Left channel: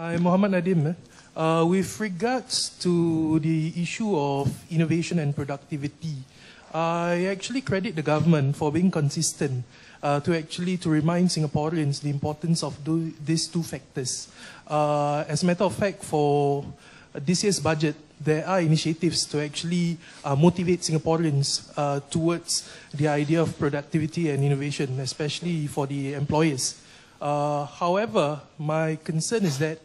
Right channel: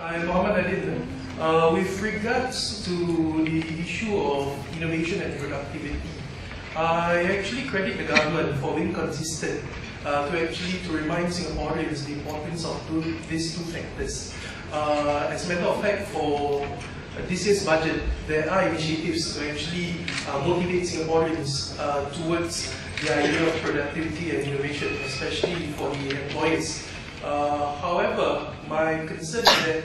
I'm Muhammad Adin. With regards to the issue of innovation and productivity, I actually credit the government for being consistent to remind Singaporeans the importance of these two factors. As a matter of fact, for this year's budget, there are initiatives to actually motivate Singaporeans towards the idea of productivity and innovation, especially for the employers. However, my concern is that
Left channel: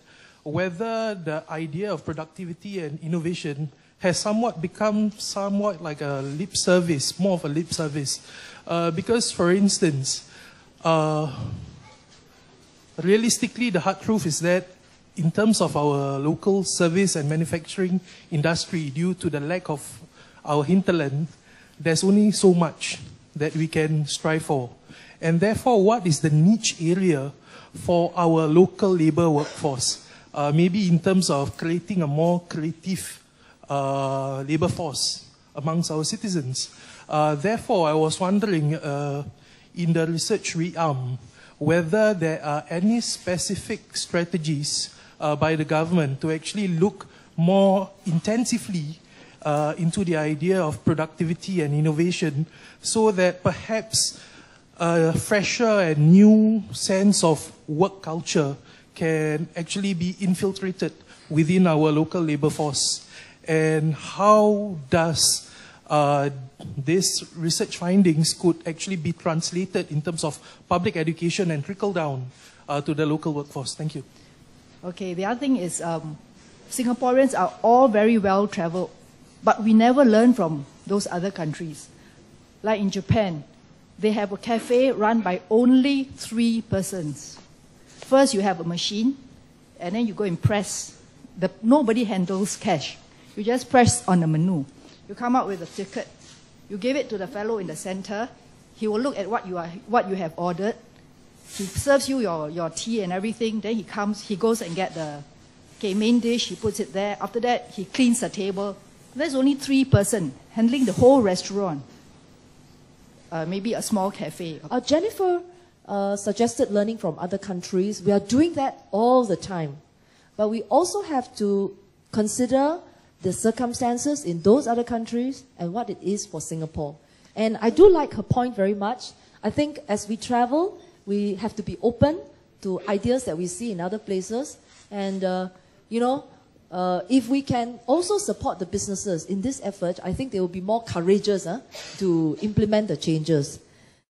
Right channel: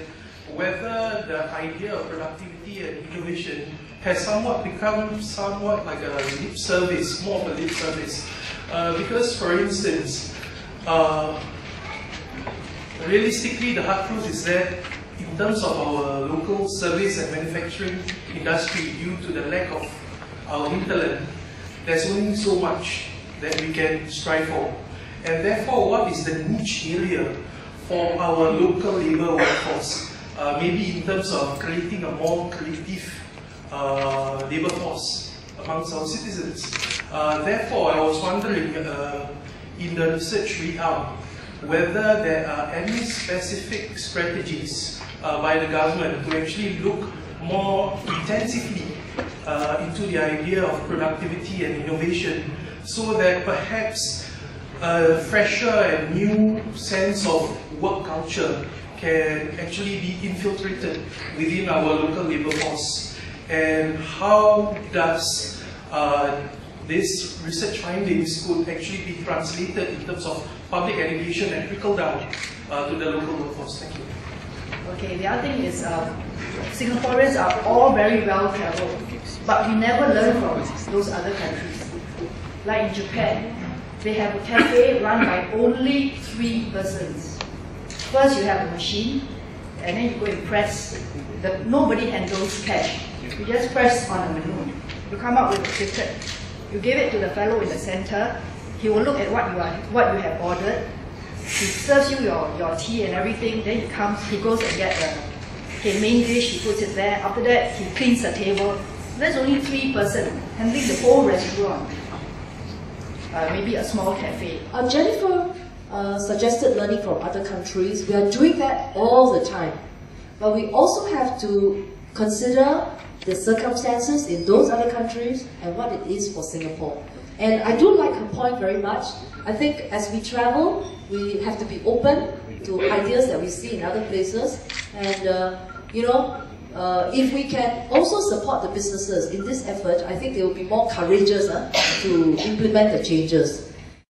whether the idea of productivity and innovation has become somewhat like a lip service, more of a lip service. Because, for instance, realistically, the hard truth is that in terms of our local service and manufacturing industry, due to the lack of our hinterland, there's only so much that we can strive for. And therefore, what is the niche area for our local labour workforce? Maybe in terms of creating a more creative labour force amongst our citizens. Therefore, I was wondering, in the research realm, whether there are any specific strategies by the government to actually look more intensively into the idea of productivity and innovation, so that perhaps a fresher and new sense of work culture can actually be infiltrated within our local labour force. And how does these research findings could actually be translated in terms of public education and trickle down to the local workforce? Thank you. Okay, the other thing is Singaporeans are all very well travelled, but we never learn from those other countries. Like in Japan, they have a cafe run by only 3 persons. First, you have a machine, and then you go and press. Nobody handles cash. You just press on the menu. You come up with a ticket. You give it to the fellow in the center. He will look at what you have ordered. He serves you your tea and everything. Then he goes and get the main dish. He puts it there. After that, he cleans the table. There's only 3 persons handling the whole restaurant. Maybe a small cafe. Jennifer suggested learning from other countries. We are doing that all the time. But we also have to consider the circumstances in those other countries and what it is for Singapore. And I do like her point very much. I think as we travel, we have to be open to ideas that we see in other places. And, if we can also support the businesses in this effort, I think they will be more courageous to implement the changes.